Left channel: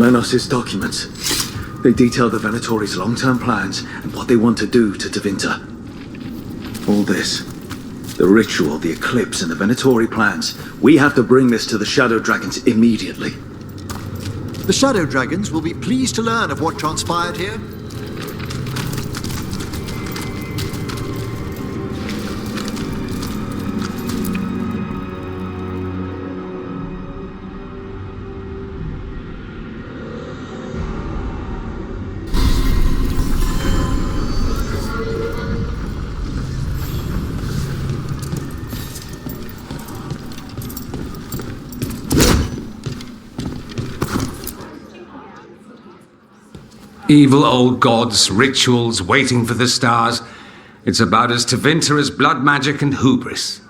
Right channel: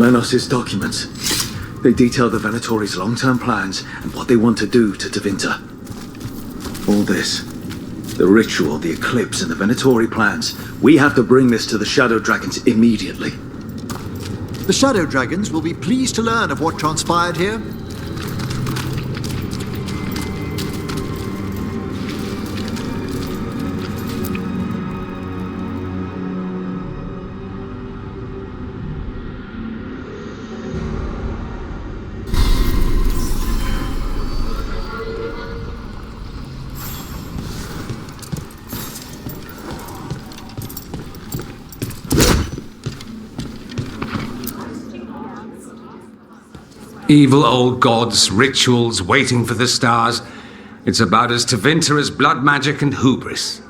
Lenos's documents. They detail the Venatori's long-term plans and what they want to do to Tevinter. All this, the ritual, the eclipse, and the Venatori plans, we have to bring this to the Shadow Dragons immediately. The Shadow Dragons will be pleased to learn of what transpired here. Evil old gods, rituals, waiting for the stars. It's about as Tevinter as blood magic and hubris.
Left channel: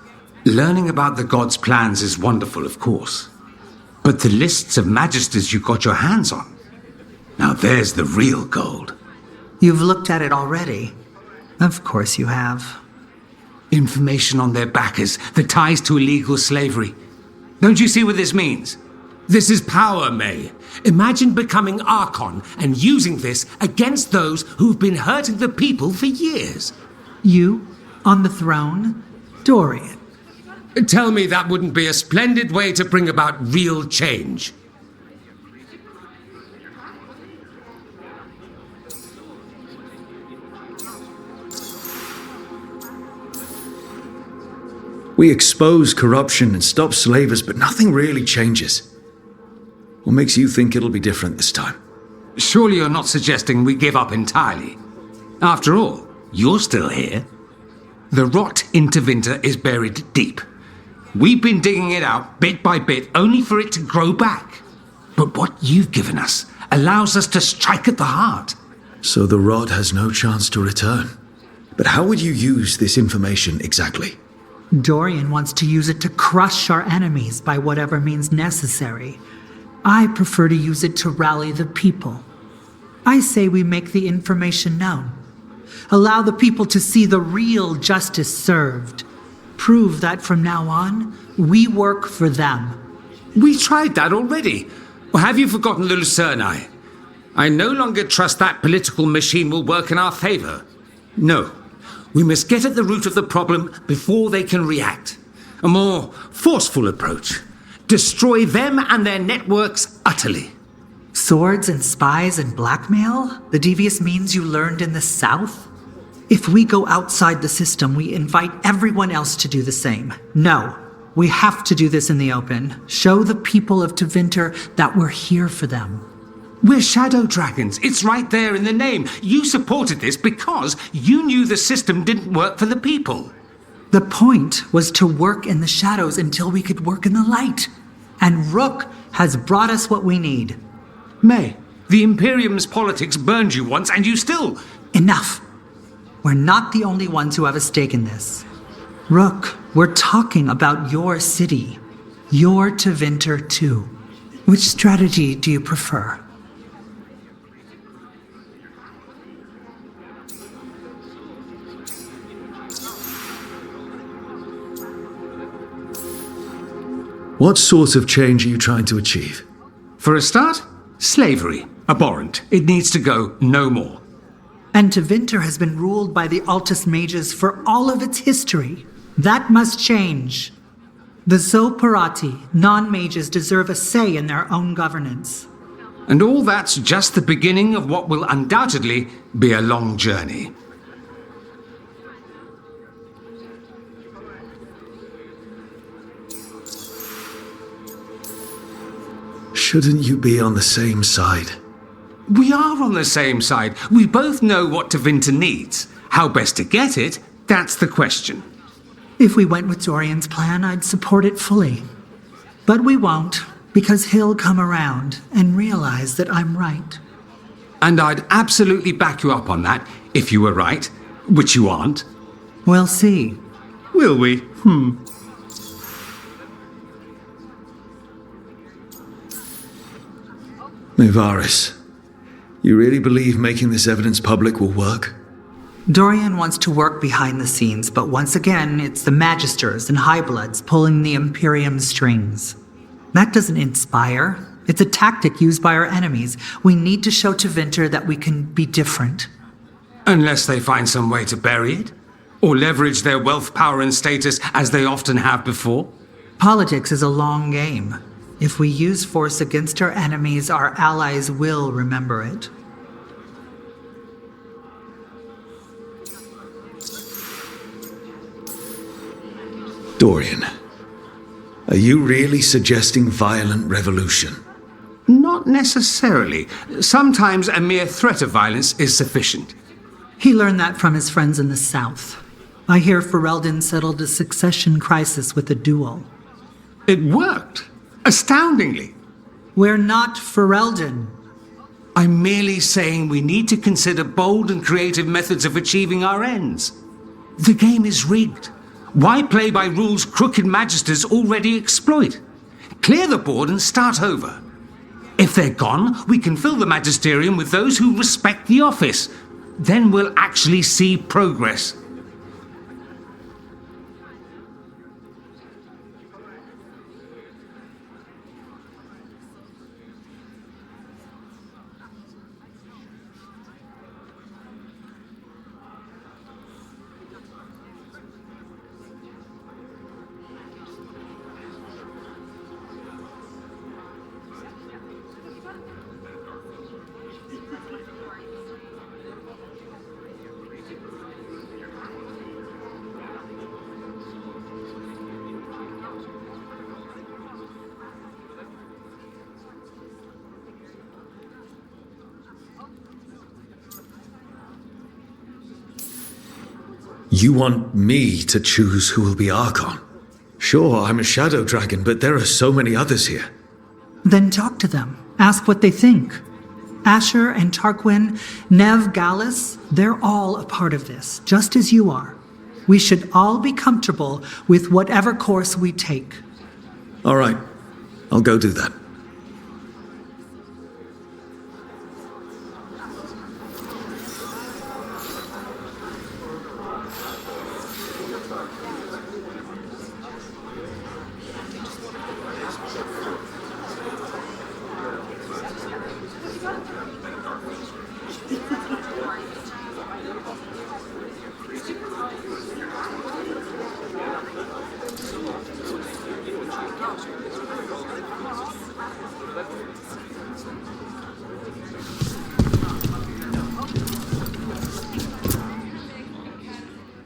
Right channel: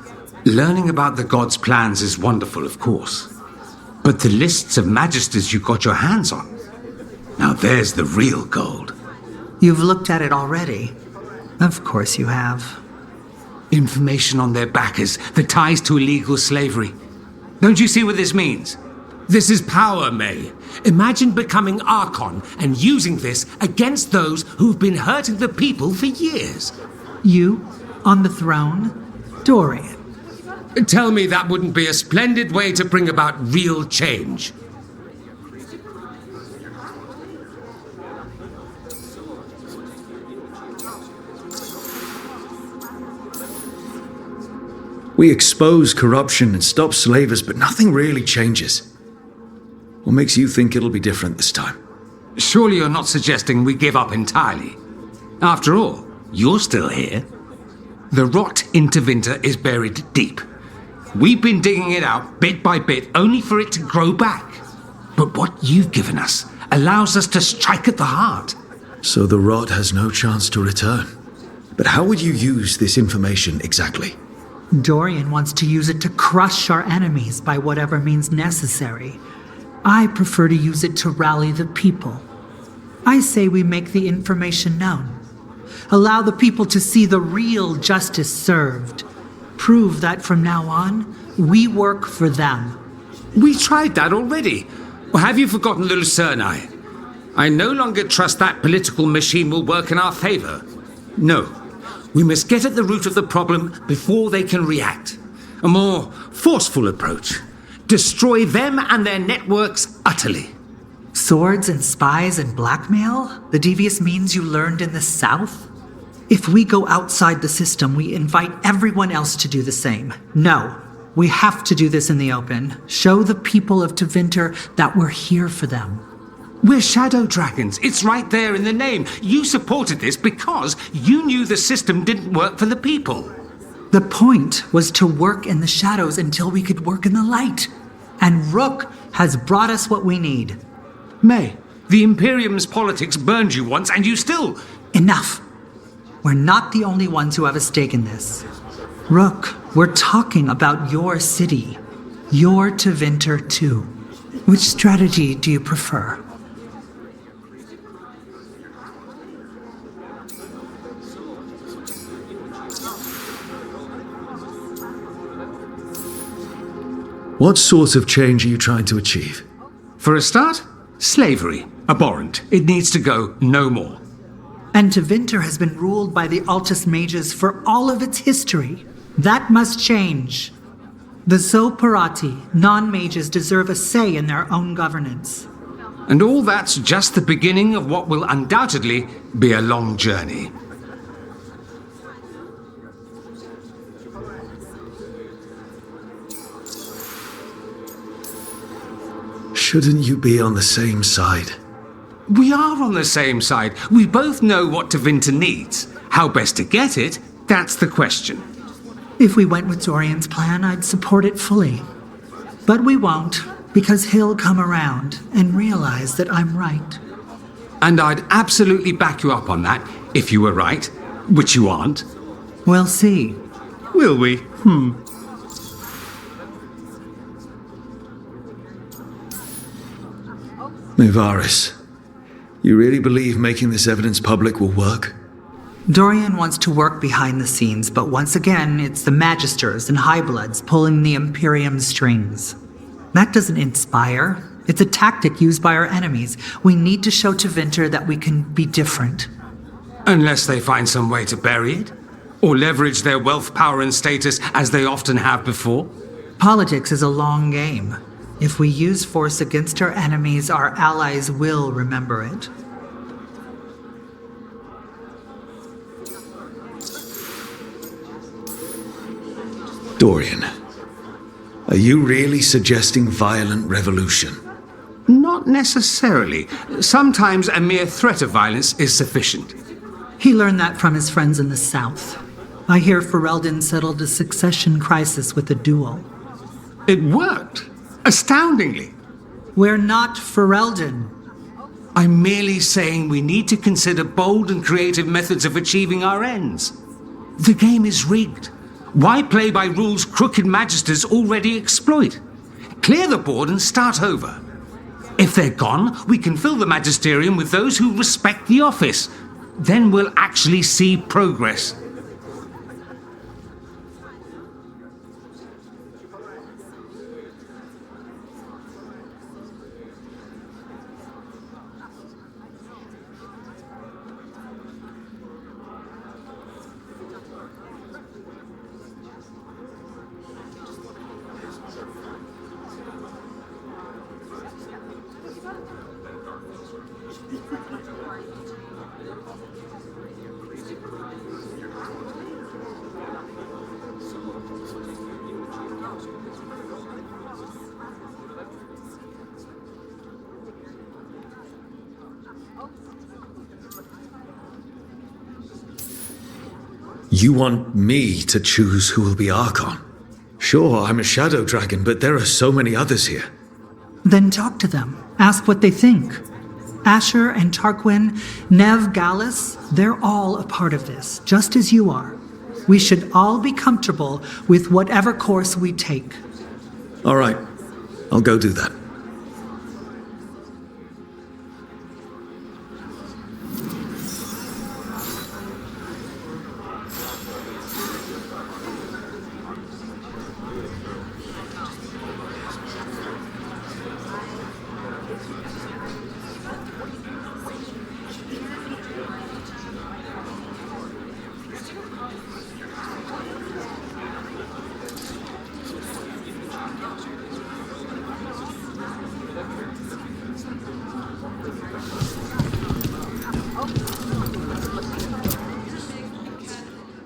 Learning about the gods' plans is wonderful, of course. But the lists of magisters you got your hands on, now there's the real gold. You've looked at it already. Of course you have. Information on their backers, the ties to illegal slavery. Don't you see what this means? This is power, May. Imagine becoming Archon and using this against those who've been hurting the people for years. You, on the throne? Dorian. Tell me that wouldn't be a splendid way to bring about real change. We expose corruption and stop slavers, but nothing really changes. What makes you think it'll be different this time? Surely you're not suggesting we give up entirely. After all, you're still here. The rot in Tevinter is buried deep. We've been digging it out bit by bit, only for it to grow back. But what you've given us allows us to strike at the heart. So the rot has no chance to return. But how would you use this information exactly? Dorian wants to use it to crush our enemies by whatever means necessary. I prefer to use it to rally the people. I say we make the information known. Allow the people to see the real justice served. Prove that from now on, we work for them. We tried that already. Or have you forgotten the Lucerni? I no longer trust that political machine will work in our favor. No. We must get at the root of the problem before they can react. A more forceful approach. Destroy them and their networks utterly. Swords and spies and blackmail? The devious means you learned in the South? If we go outside the system, we invite everyone else to do the same. No, we have to do this in the open. Show the people of Tevinter that we're here for them. We're Shadow Dragons. It's right there in the name. You supported this because you knew the system didn't work for the people. The point was to work in the shadows until we could work in the light. And Rook has brought us what we need. May, the Imperium's politics burned you once and you still... Enough. We're not the only ones who have a stake in this. Rook, we're talking about your city. Your Tevinter too. Which strategy do you prefer? What sort of change are you trying to achieve? For a start, slavery. Abhorrent. It needs to go no more. And Tevinter has been ruled by the Altus Mages for all of its history. That must change. The Zoparati, non-mages, deserve a say in their own governance. And all that's just the beginning of what will undoubtedly be a long journey. Shouldn't you be on the same side? We are on the same side. We both know what Tevinter needs. How best to get it, that's the question. If we went with Dorian's plan, I'd support it fully. But we won't, because he'll come around and realize that I'm right. And I'd absolutely back you up on that, if you were right, which you aren't. We'll see. Will we? Nevaris, you really believe making this evidence public will work? Dorian wants to work behind the scenes, but once again, it's the Magisters and Highbloods pulling the Imperium's strings. That doesn't inspire, It's a tactic used by our enemies. We need to show Tevinter that we can be different. Unless they find some way to bury it? Or leverage their wealth, power, and status as they often have before? Politics is a long game. If we use force against our enemies, our allies will remember it. Dorian, are you really suggesting violent revolution? Not necessarily. Sometimes a mere threat of violence is sufficient. He learned that from his friends in the south. I hear Ferelden settled a succession crisis with a duel. It worked. Astoundingly. We're not Ferelden. I'm merely saying we need to consider bold and creative methods of achieving our ends. The game is rigged. Why play by rules crooked magisters already exploit? Clear the board and start over. If they're gone, we can fill the magisterium with those who respect the office. Then we'll actually see progress. You want me to choose who will be Archon? Sure, I'm a Shadow Dragon, but there are so many others here. Then talk to them. Ask what they think. Asher and Tarquin, Nev, Gallus, they're all a part of this, just as you are. We should all be comfortable with whatever course we take. All right, I'll go do that.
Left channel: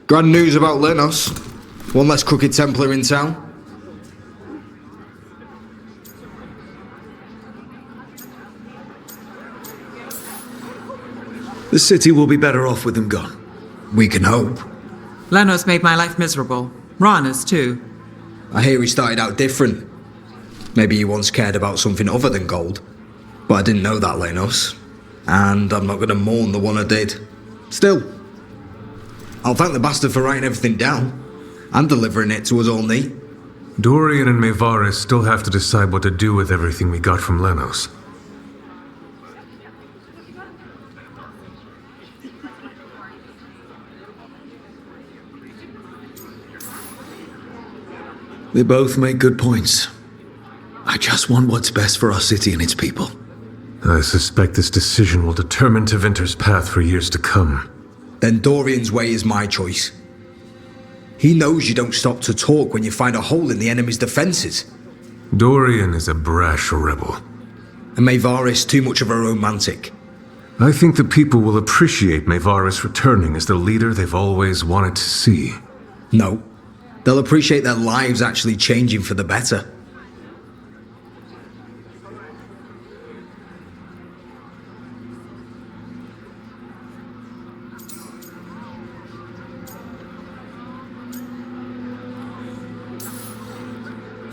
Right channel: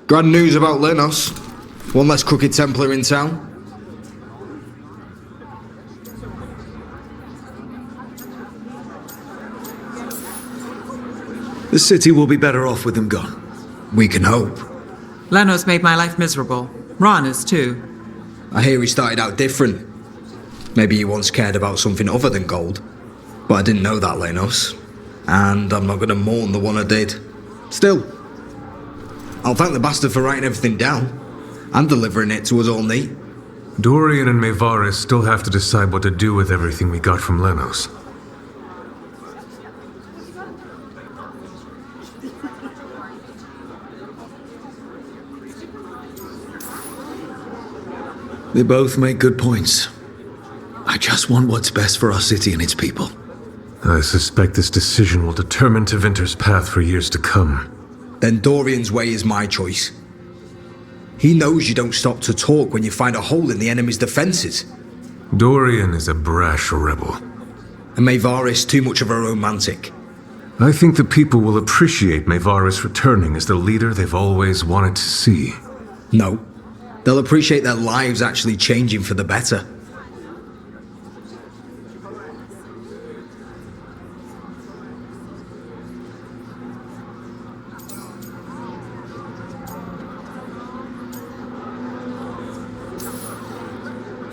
Grand news about Lenos. One less crooked Templar in town. The city will be better off with them gone. We can hope. Lenos made my life miserable. Rana's too. I hear he started out different. Maybe he once cared about something other than gold. But I didn't know that, Lenos. And I'm not going to mourn the one I did. Still, I'll thank the bastard for writing everything down. And delivering it to us all neat. Dorian and Maevaris still have to decide what to do with everything we got from Lenos. They both make good points. I just want what's best for our city and its people. I suspect this decision will determine Tevinter's path for years to come. Then Dorian's way is my choice. He knows you don't stop to talk when you find a hole in the enemy's defenses. Dorian is a brash rebel. And Maevaris too much of a romantic. I think the people will appreciate Maevaris returning as the leader they've always wanted to see. No. They'll appreciate their lives actually changing for the better.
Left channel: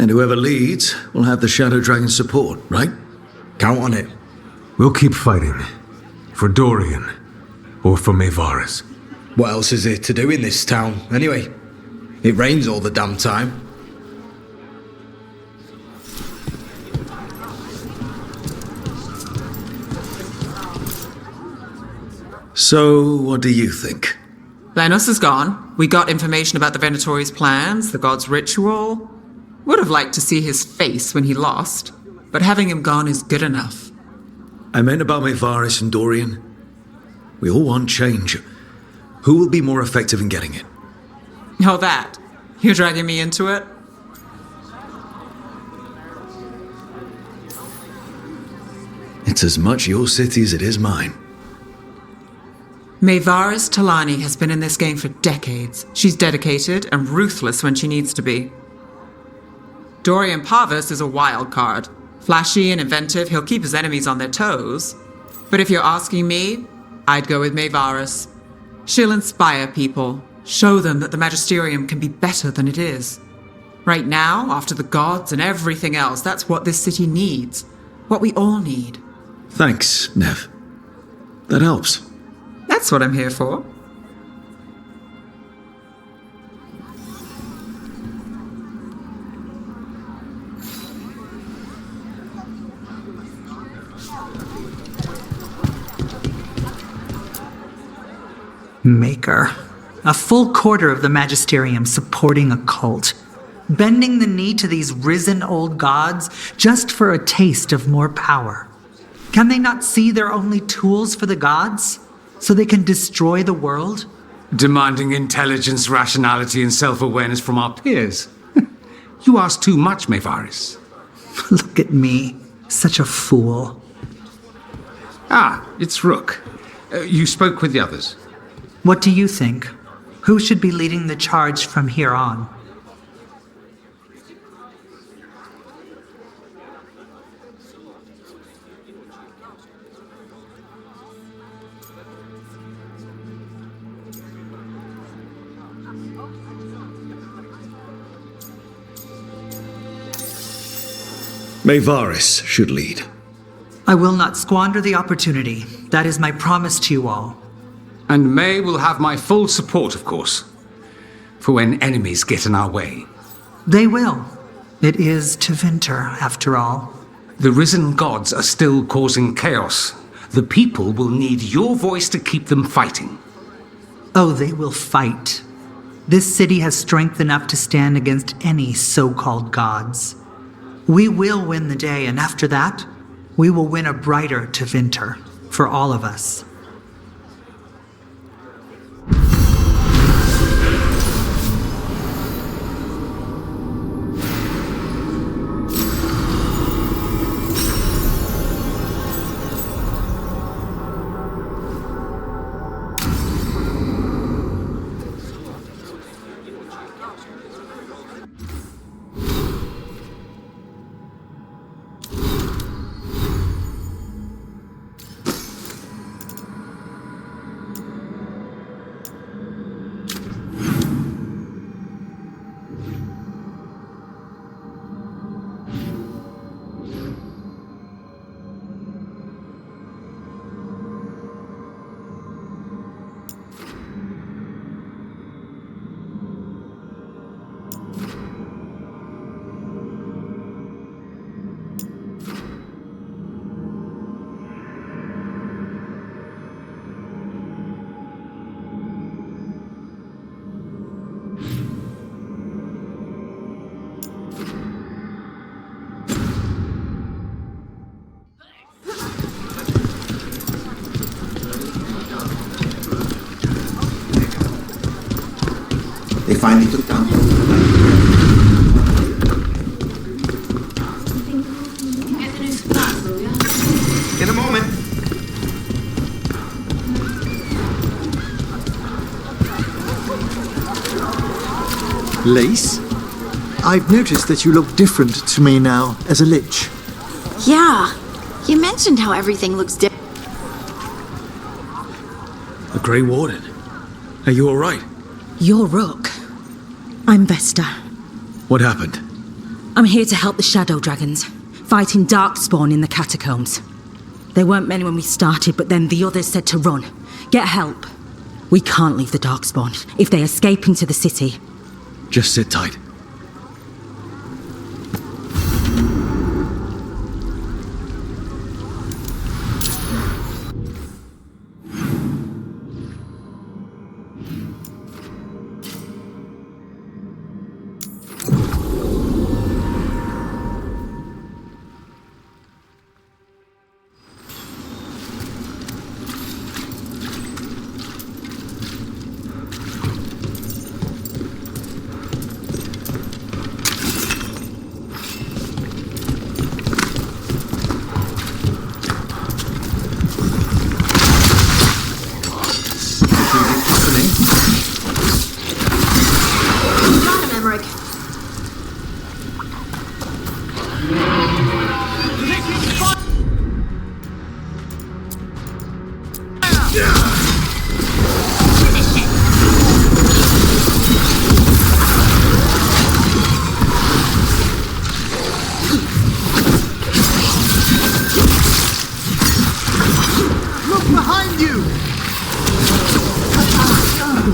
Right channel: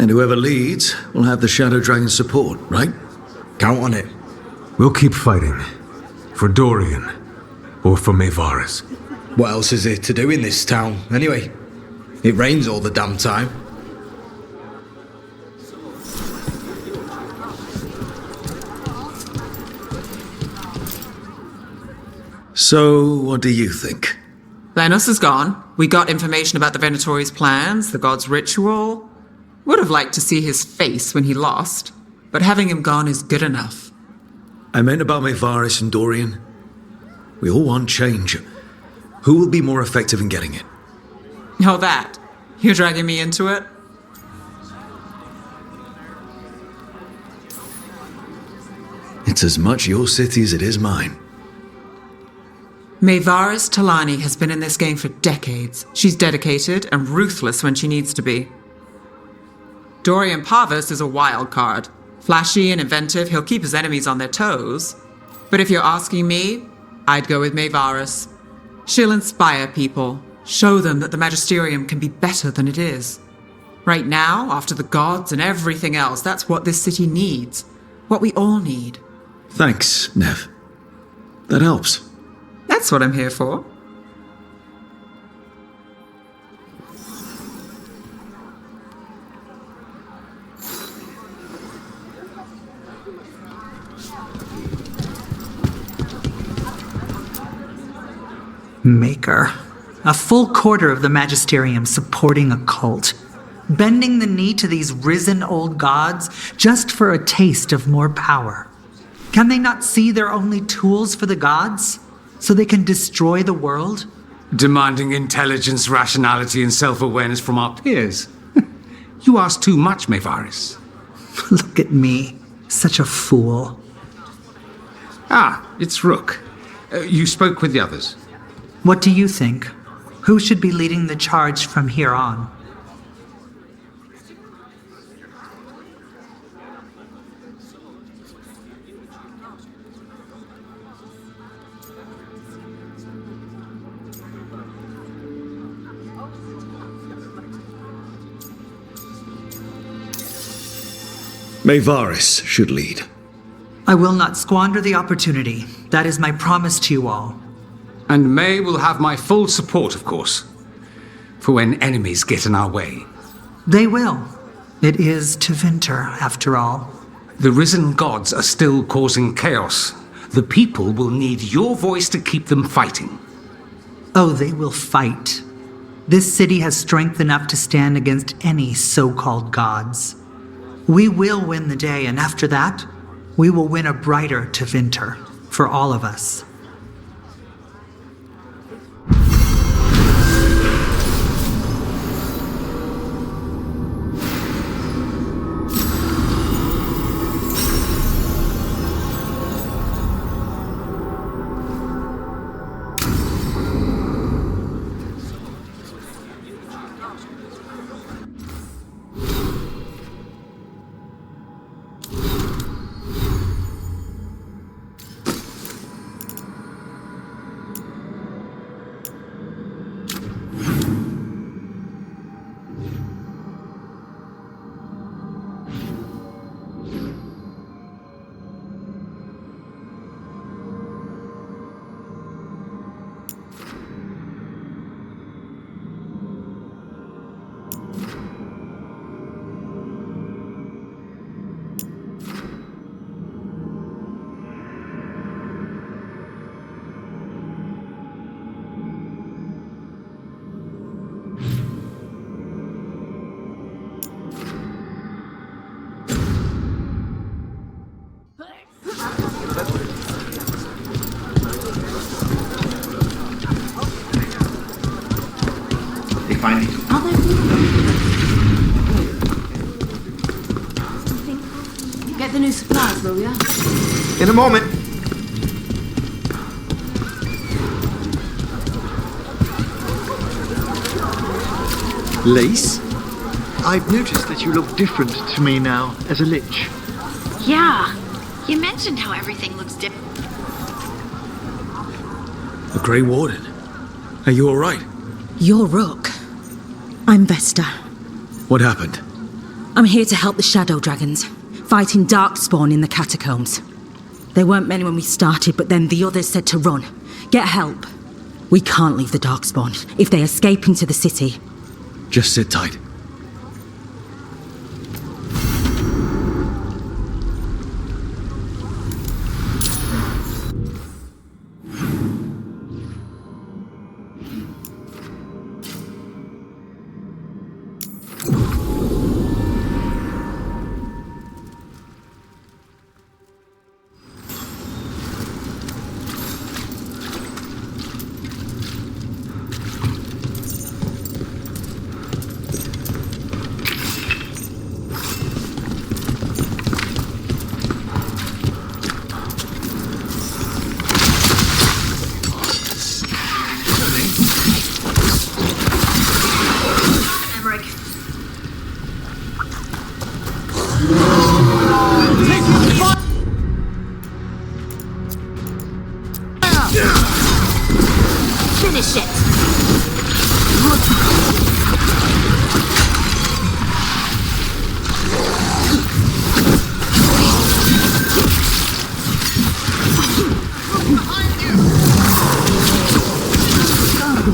And whoever leads will have the Shadow Dragon's support, right? Count on it. We'll keep fighting. For Dorian. Or for Maevaris. What else is there to do in this town, anyway? It rains all the damn time. So, what do you think? Lenos is gone. We got information about the Venatori's plans, the god's ritual. Would have liked to see his face when he lost. but having him gone is good enough. I meant about Maevaris and Dorian. We all want change. Who will be more effective in getting it? Oh, that. You're dragging me into it? It's as much your city as it is mine. Maevaris Talani has been in this game for decades. She's dedicated and ruthless when she needs to be. Dorian Parvis is a wild card. Flashy and inventive, he'll keep his enemies on their toes. But if you're asking me, I'd go with Maevaris. She'll inspire people, show them that the Magisterium can be better than it is. Right now, after the gods and everything else, that's what this city needs. What we all need. Thanks, Nev. That helps. That's what I'm here for. Maker. A full quarter of the Magisterium supporting a cult. Bending the knee to these risen old gods just for a taste of more power. Can they not see they're only tools for the gods? So they can destroy the world? Demanding intelligence, rationality, and self-awareness from our peers. You ask too much, Maevaris. Look at me. Such a fool. Ah, it's Rook. You spoke with the others. What do you think? Who should be leading the charge from here on? Maevaris should lead. I will not squander the opportunity. That is my promise to you all. And May will have my full support, of course, for when enemies get in our way. They will. It is Tevinter, after all. The risen gods are still causing chaos. The people will need your voice to keep them fighting. Oh, they will fight. This city has strength enough to stand against any so-called gods. We will win the day, and after that, we will win a brighter Tevinter for all of us. Get the new supplies, will ya? In a moment. Lace? I've noticed that you look different to me now as a lich. Yeah. You mentioned how everything looks different. The Grey Warden. Are you alright? You're Rook. I'm Vesta. What happened? I'm here to help the Shadow Dragons, fighting Darkspawn in the catacombs. There weren't many when we started, but then the others said to run. Get help. We can't leave the Darkspawn if they escape into the city. Just sit tight. On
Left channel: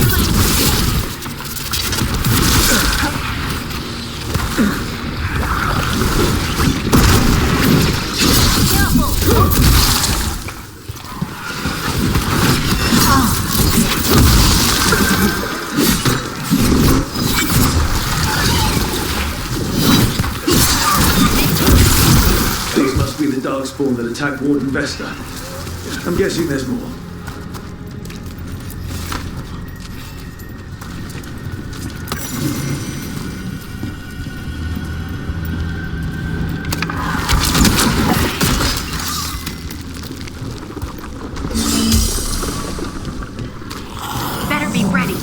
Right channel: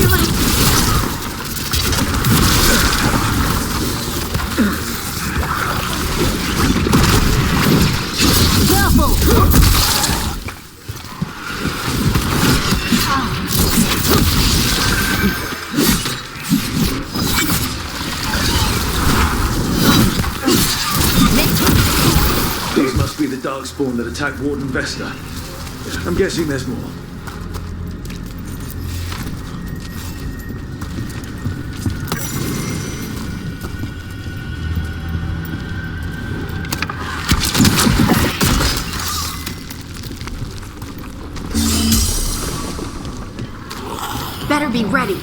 your left. These must be the Darkspawn that attacked Warden Vesta. I'm guessing there's more. Better be ready.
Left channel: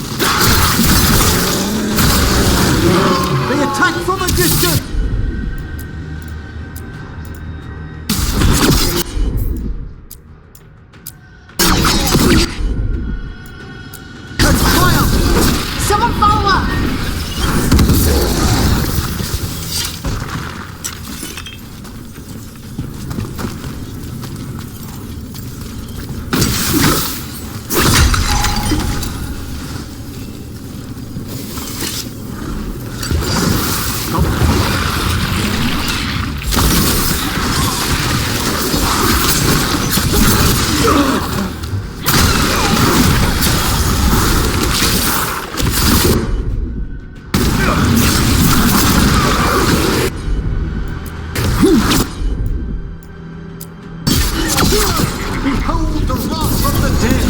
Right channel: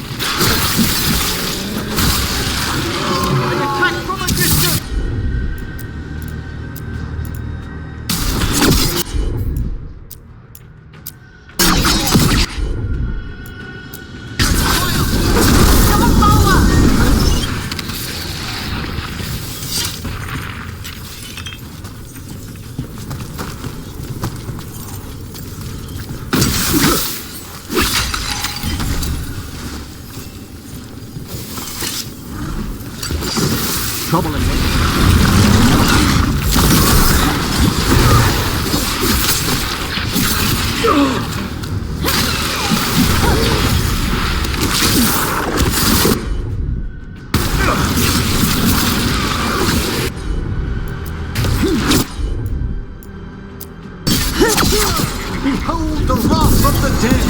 Behold the wrath of the dead!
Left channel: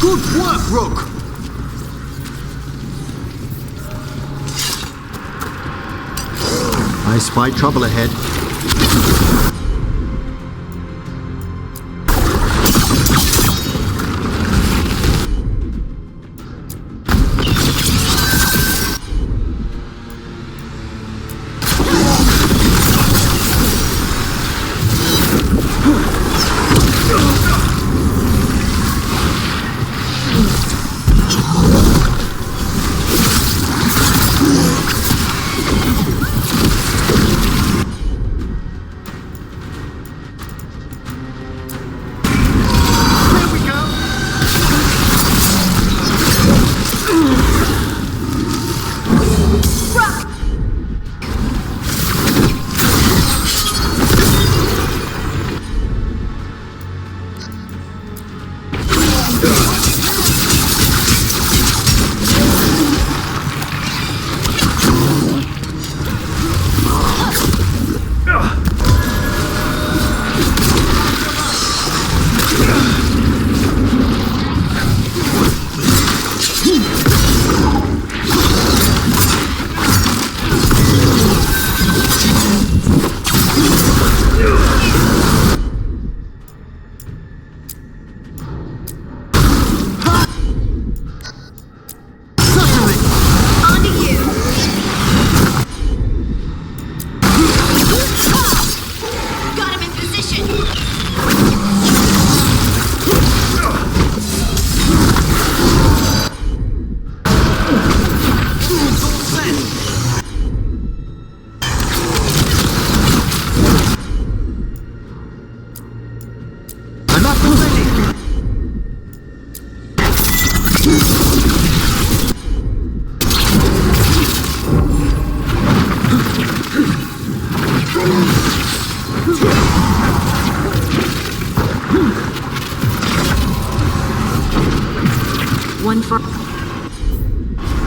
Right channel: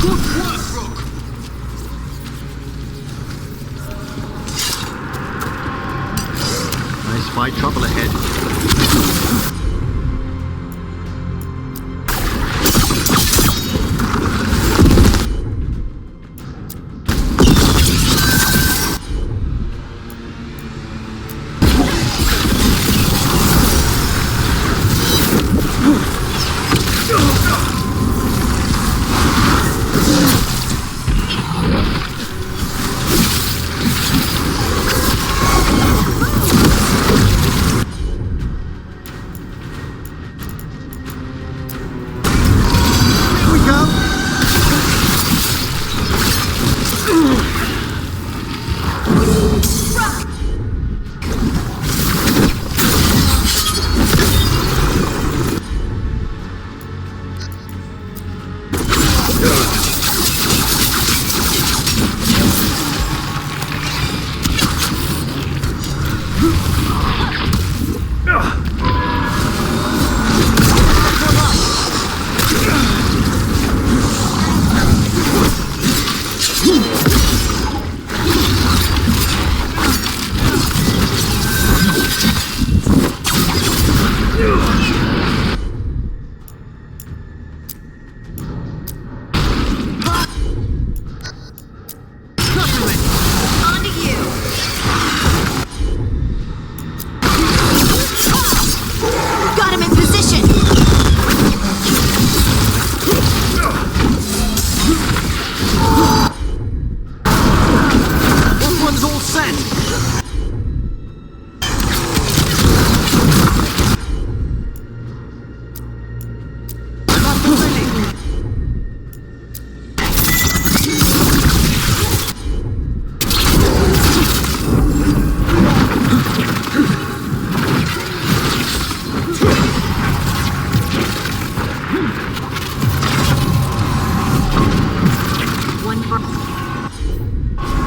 Good work, Rook! I spy trouble ahead.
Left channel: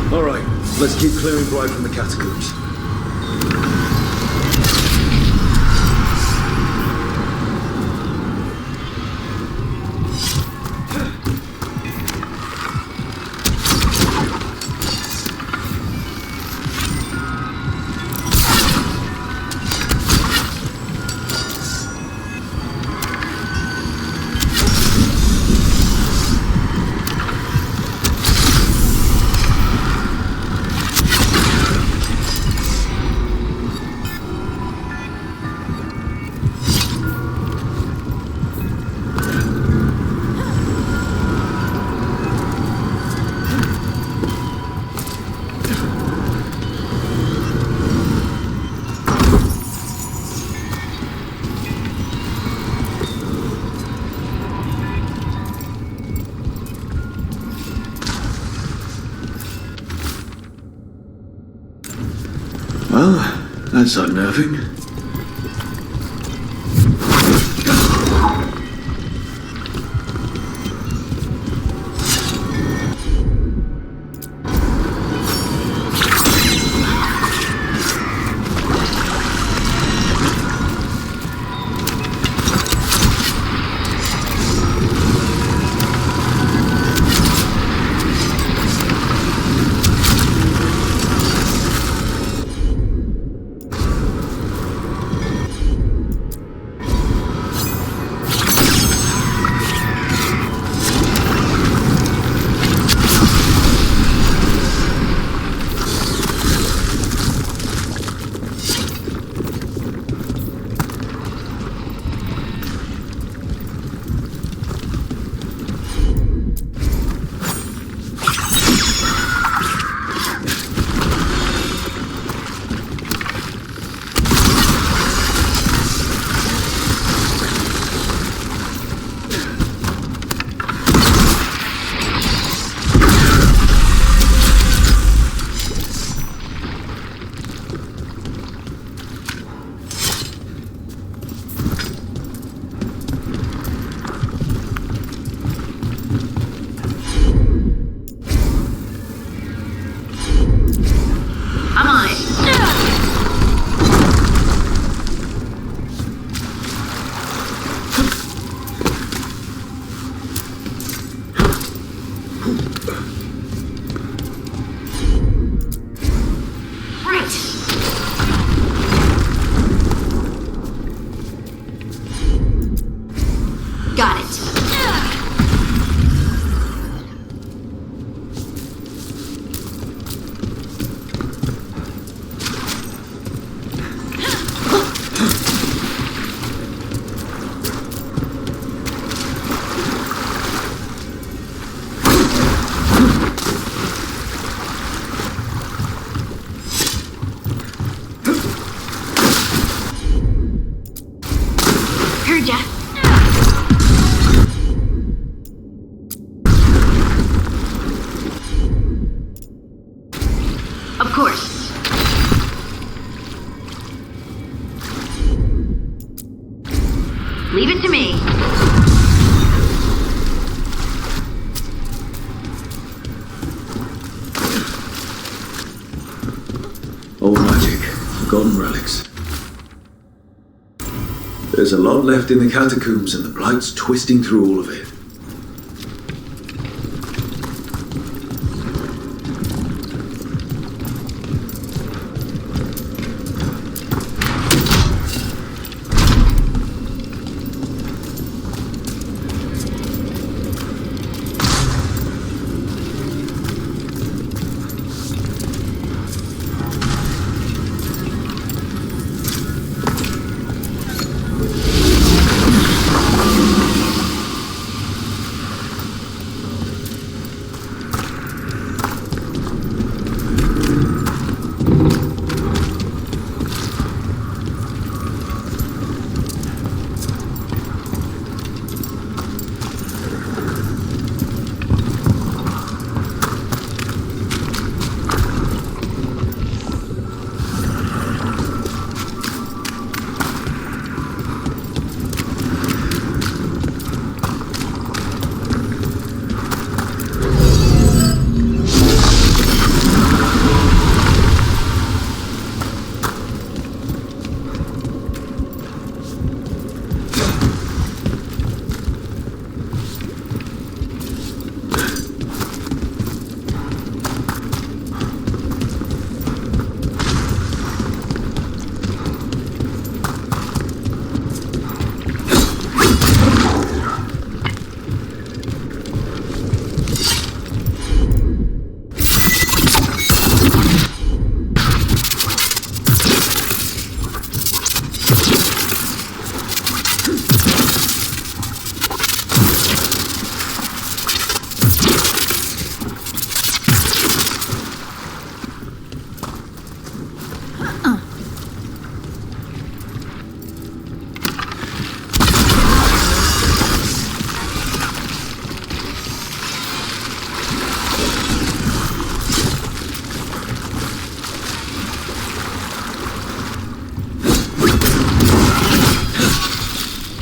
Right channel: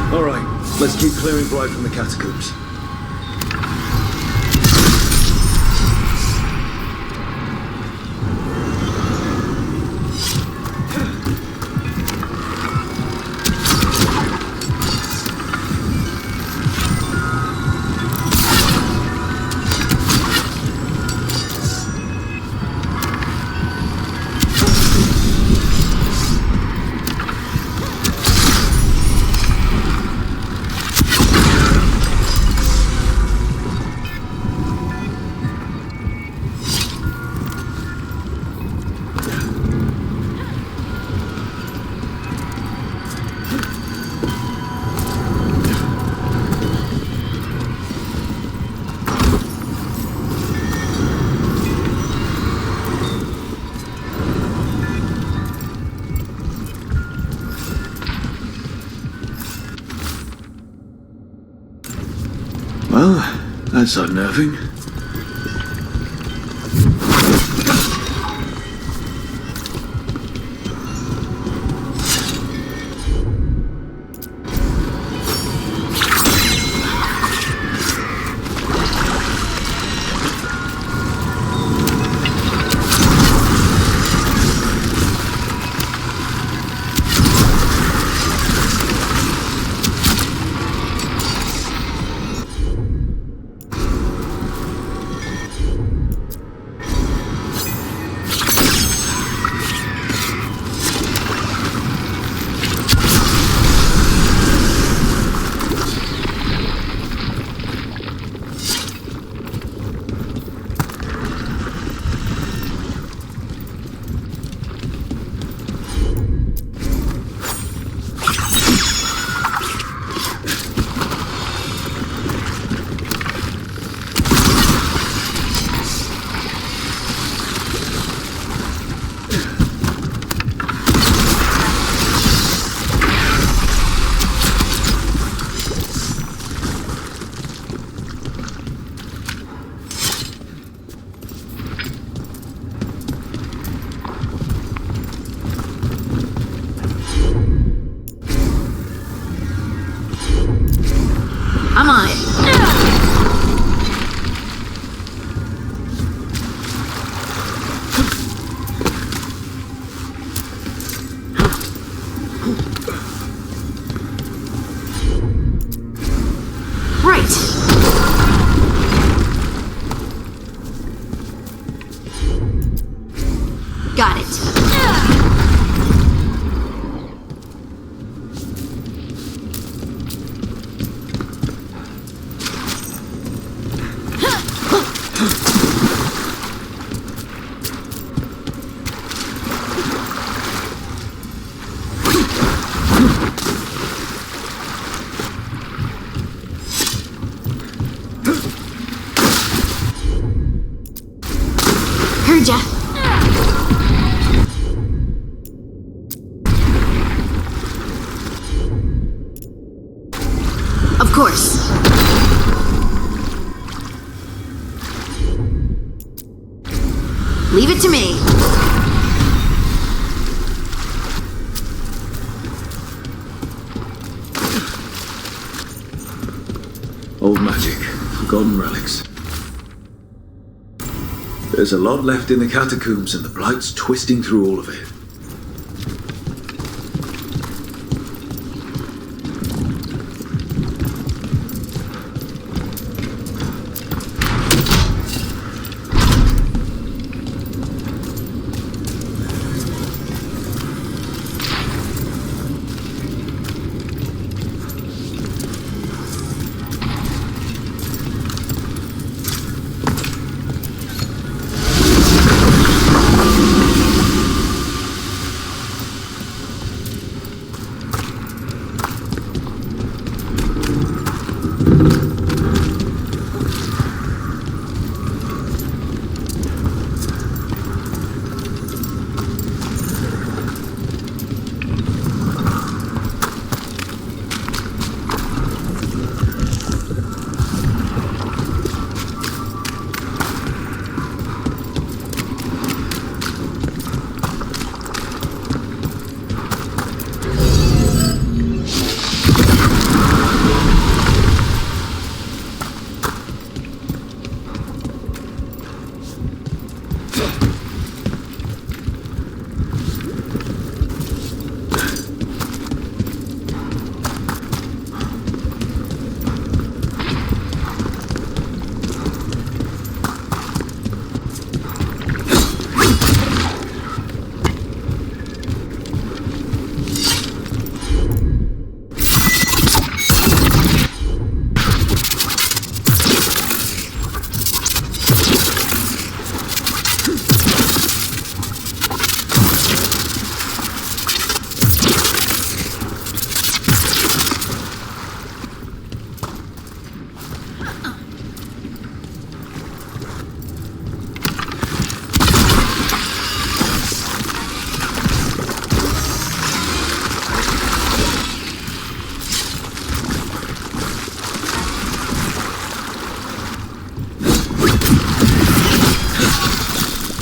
All right, let's keep clearing Bright from the catacombs. That's unnerving. Got it. Heard ya. Of course. Leave it to me. Old magic, forgotten relics. There's a lot left in the catacombs, and the Blight's twisting through all of it.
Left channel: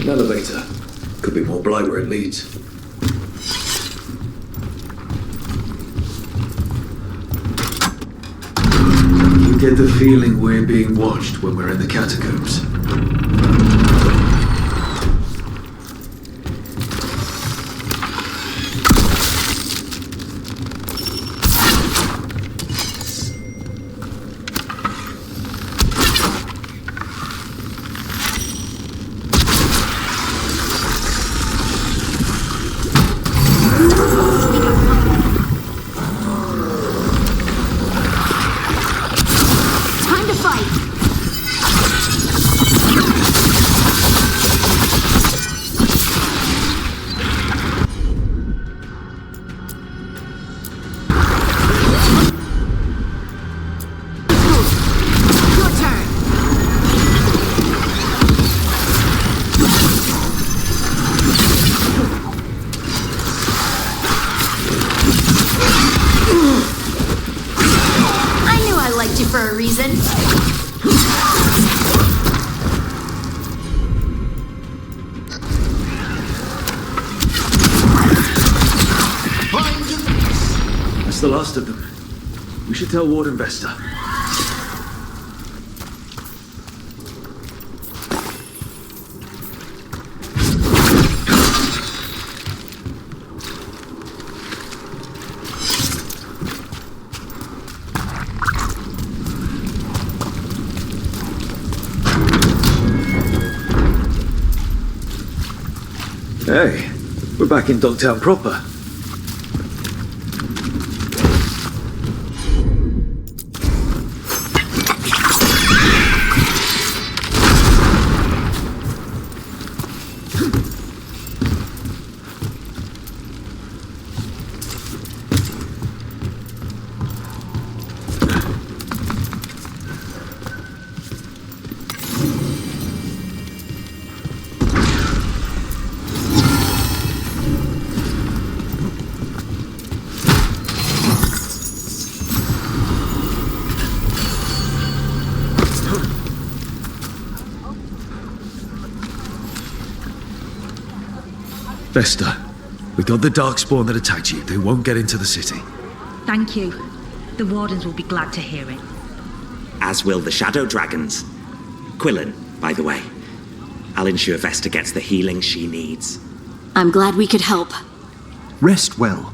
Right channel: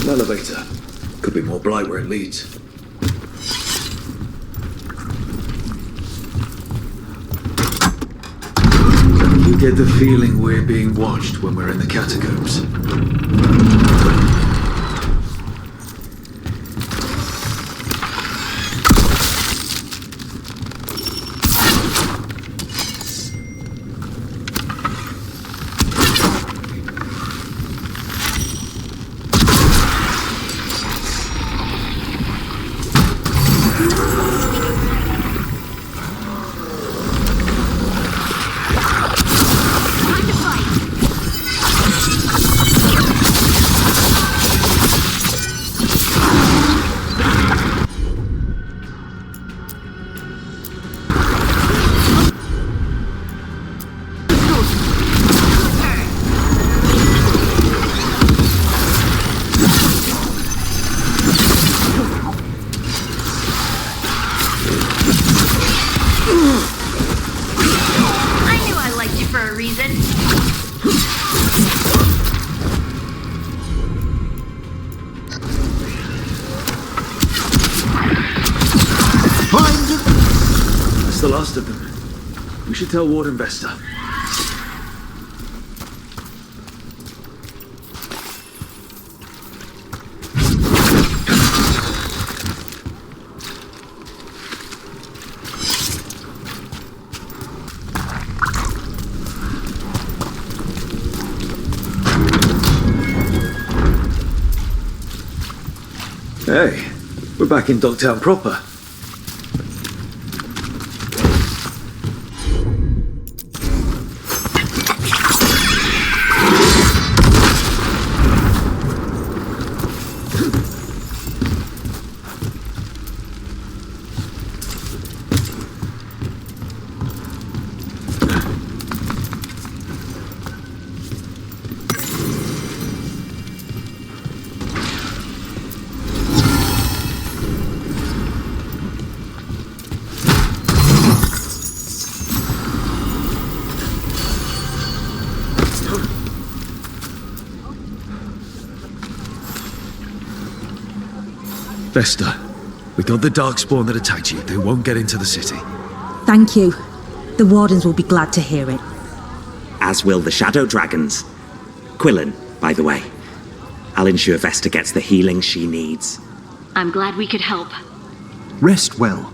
An elevator. Could be more blight where it leads. You get the feeling we're being watched when we're in the catacombs. We got company. I knew I liked you for a reason. Find the... That's the last of them. We should tell Warden Vesta. Hey, we're back in Dogtown proper. Vesta, we got the Darkspawn that attacked you. They won't get into the city. Thank you. The Wardens will be glad to hear it. As will the Shadow Dragons. Quillen, by the way. I'll ensure Vesta gets the healing she needs. I'm glad we could help. Rest well.